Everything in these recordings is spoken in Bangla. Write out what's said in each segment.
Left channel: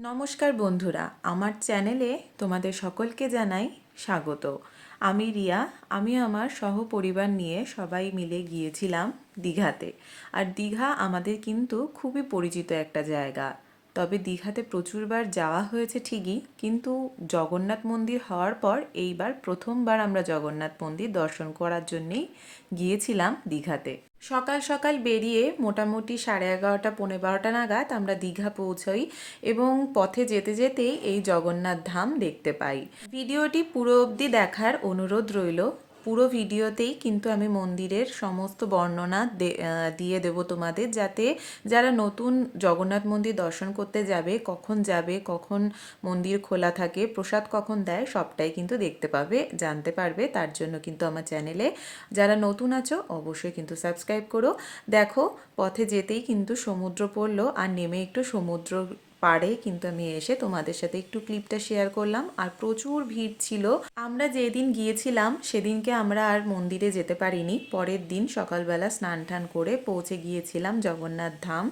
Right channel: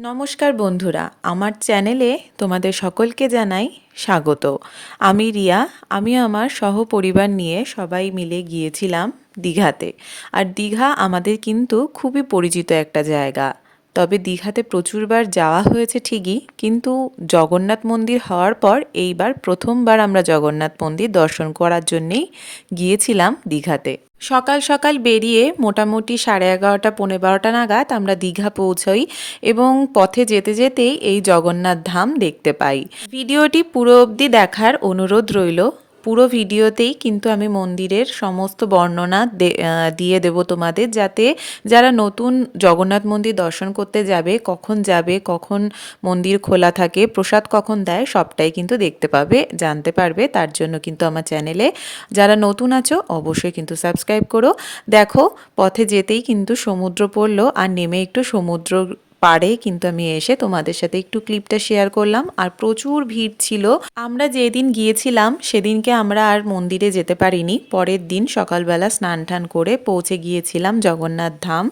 নমস্কার বন্ধুরা, আমার চ্যানেলে তোমাদের সকলকে জানাই স্বাগত। আমি রিয়া, আমি আমার সহপরিবার নিয়ে সবাই মিলে গিয়েছিলাম দীঘাতে। আর দীঘা আমাদের কিন্তু খুবই পরিচিত একটা জায়গা। তবে দীঘাতে প্রচুরবার যাওয়া হয়েছে ঠিকই, কিন্তু জগন্নাথ মন্দির হওয়ার পর এইবার প্রথমবার আমরা জগন্নাথ মন্দির দর্শন করার জন্যেই গিয়েছিলাম দীঘাতে। সকাল সকাল বেরিয়ে মোটামুটি সাড়ে এগারোটা, পৌনে বারোটা নাগাদ আমরা দীঘা পৌঁছই এবং পথে যেতে যেতেই এই জগন্নাথ ধাম দেখতে পাই। ভিডিওটি পুরো অবধি দেখার অনুরোধ রইল। পুরো ভিডিওতেই কিন্তু আমি মন্দিরের সমস্ত বর্ণনা দিয়ে দেব তোমাদের, যাতে যারা নতুন জগন্নাথ মন্দির দর্শন করতে যাবে, কখন যাবে, কখন মন্দির খোলা থাকে, প্রসাদ কখন দেয়, সবটাই কিন্তু দেখতে পাবে, জানতে পারবে। তার জন্য কিন্তু আমার চ্যানেলে যারা নতুন আছো, অবশ্যই কিন্তু সাবস্ক্রাইব করো। দেখো, পথে যেতেই কিন্তু সমুদ্র পড়ল, আর নেমে একটু সমুদ্র পাড়ে কিন্তু আমি এসে তোমাদের সাথে একটু ক্লিপটা শেয়ার করলাম। আর প্রচুর ভিড় ছিল। আমরা যেদিন গিয়েছিলাম, সেদিনকে আমরা আর মন্দিরে যেতে পারিনি। পরের দিন সকালবেলা স্নান টান করে পৌঁছে গিয়েছিলাম জগন্নাথ ধাম।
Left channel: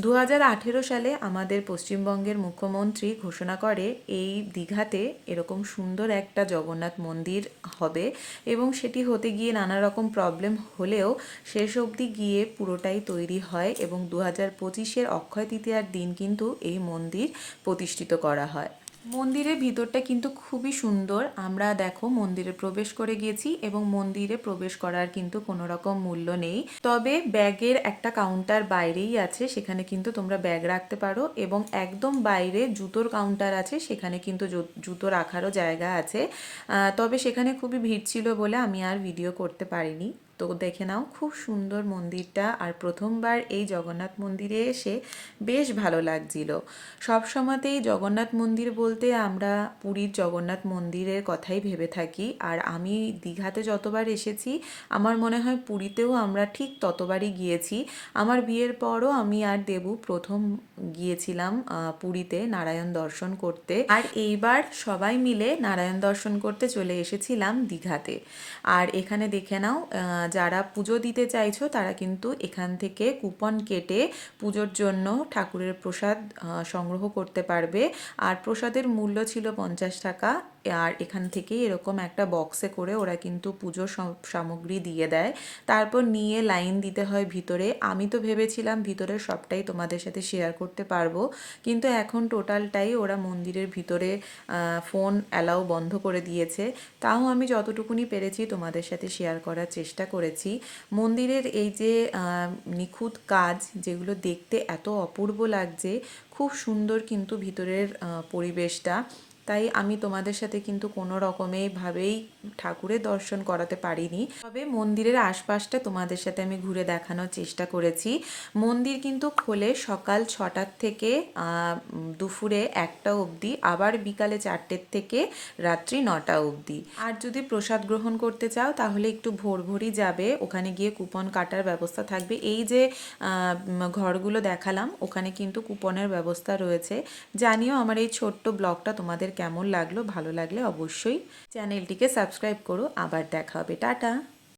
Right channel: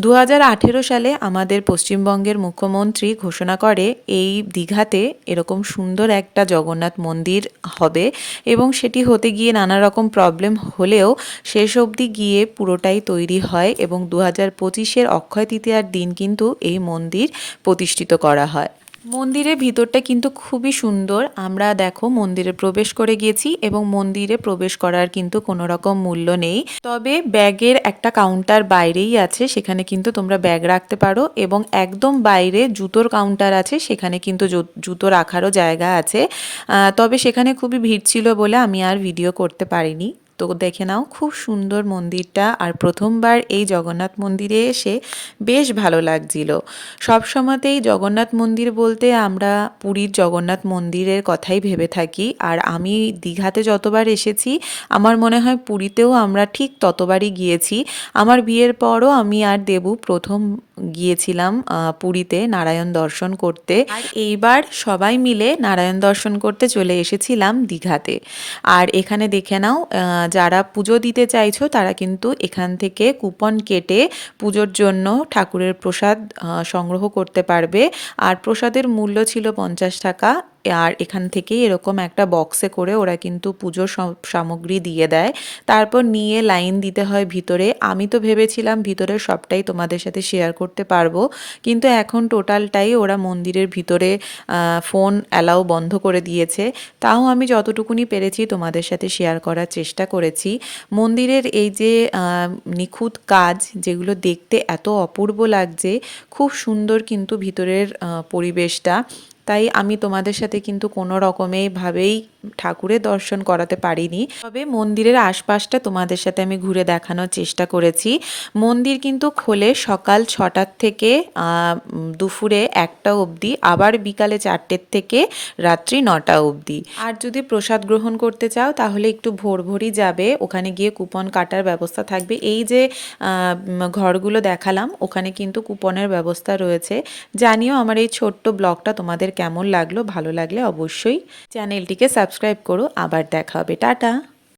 দু হাজার আঠেরো সালে আমাদের পশ্চিমবঙ্গের মুখ্যমন্ত্রী ঘোষণা করে, এই দীঘাতে এরকম সুন্দর একটা জগন্নাথ মন্দির হবে এবং সেটি হতে গিয়ে নানা রকম প্রবলেম হলেও শেষ অবধি গিয়ে পুরোটাই তৈরি হয় এবং দু হাজার পঁচিশের অক্ষয় তৃতীয়ার দিন কিন্তু এই মন্দির প্রতিষ্ঠিত করা হয়। মন্দিরের ভিতরটা কিন্তু খুবই সুন্দর। আমরা দেখো মন্দিরে প্রবেশ করে গিয়েছি এবং মন্দিরে প্রবেশ করার কিন্তু কোনো রকম মূল্য নেই। তবে ব্যাগের একটা কাউন্টার বাইরেই আছে, সেখানে কিন্তু তোমরা ব্যাগ রাখতে পারো এবং একদম বাইরে জুতোর কাউন্টার আছে, সেখানে কিন্তু জুতো রাখারও জায়গা আছে। তবে সেখানে খুবই ভিড় ছিল বলে আমি আর ভিডিও করতে পারিনি। তো দেখে নাও, খুব সুন্দর মন্দিরটা। আর প্রথমবার এই জগন্নাথ মন্দিরে এসে বেশ ভালো লাগছিল। সব সময়তেই জগন্নাথ মন্দির বলতে আমরা পুরীর জগন্নাথ মন্দিরের কথাই ভেবে থাকি। আর আমি দীঘাতে যতবার এসেছি, আমার মনে হয় পুরীতেও আমরা ঠিক ততবারই গিয়েছি। আমার বিয়ের পরও আমি আর দেবু প্রথম গিয়েছিলাম পুরীতে নারায়ণ দর্শন করতে। আর এইবার সবাই মিলে নারায়ণ দর্শন করতে চলে এসেছিলাম দীঘাতে। আর এখানে দেখে নাও যারা পুজো দিতে চাইছো, তারা কিন্তু এখান থেকে কুপন কেটে পুজোর জন্য ঠাকুরের প্রসাদ সংগ্রহ করতে পারবে। আর প্রসাদের মূল্য ছিল পঞ্চাশ টাকা। আর এখান থেকেই এরকম একটা বক্সে করে ওরা কিন্তু পুজোর সামগ্রী দিয়ে দেয়। তারপর নিয়ে লাইন দিতে হয় ভিতরে। আমি তো ভেবেছিলাম ভিতরে সবটাই তোমাদের সাথে শেয়ার করতে পারব। কিন্তু এখন টোটালটাই ওরা মন্দিরের ভিতরে ফোন অ্যালাউ বন্ধ করে দিয়েছে। তাও আমি যতটুকুনি পেরেছি তোমাদের সাথে শেয়ার করার চেষ্টা করেছি। মন্দিরের এই যে নিখুঁত কাজ, যেগুলো দেখতে এত অপূর্ব লাগছে, খুব সুন্দর কিন্তু ভিতরের পরিবেশটা। তাই আমি তোমাদের সাথে কিন্তু কোনো রকমেই ভাবেই ঠাকুরের দর্শন করাতে পারিনি। তবে মন্দিরের আশপাশটা তোমাদের সাথে আমি ঘুরে দেখানোর চেষ্টা করেছি। মন্দির কিন্তু খোলে সকাল ছটার থেকে দুপুরে একটা অবধি, আবার বিকালে চারটের থেকে রাত্রি নটা অবধি। আর যদি প্রসাদ গ্রহণ করতে চাও, তাহলে একটু ভোর ভোরই যাবে। ওখানে গিয়ে কুপন কাটার ব্যবস্থা থাকবে। এই যে ঘরগুলো দেখালাম, ওখানে কিন্তু কুপনের ব্যবস্থা রয়েছে। জানিও আমার এই ছোট্ট ব্লগটা তোমাদের কেমন লাগল ভালো লাগলে অবশ্যই চ্যানেলটিকে সাবস্ক্রাইব করো। আবার দেখা হবে। টাটা!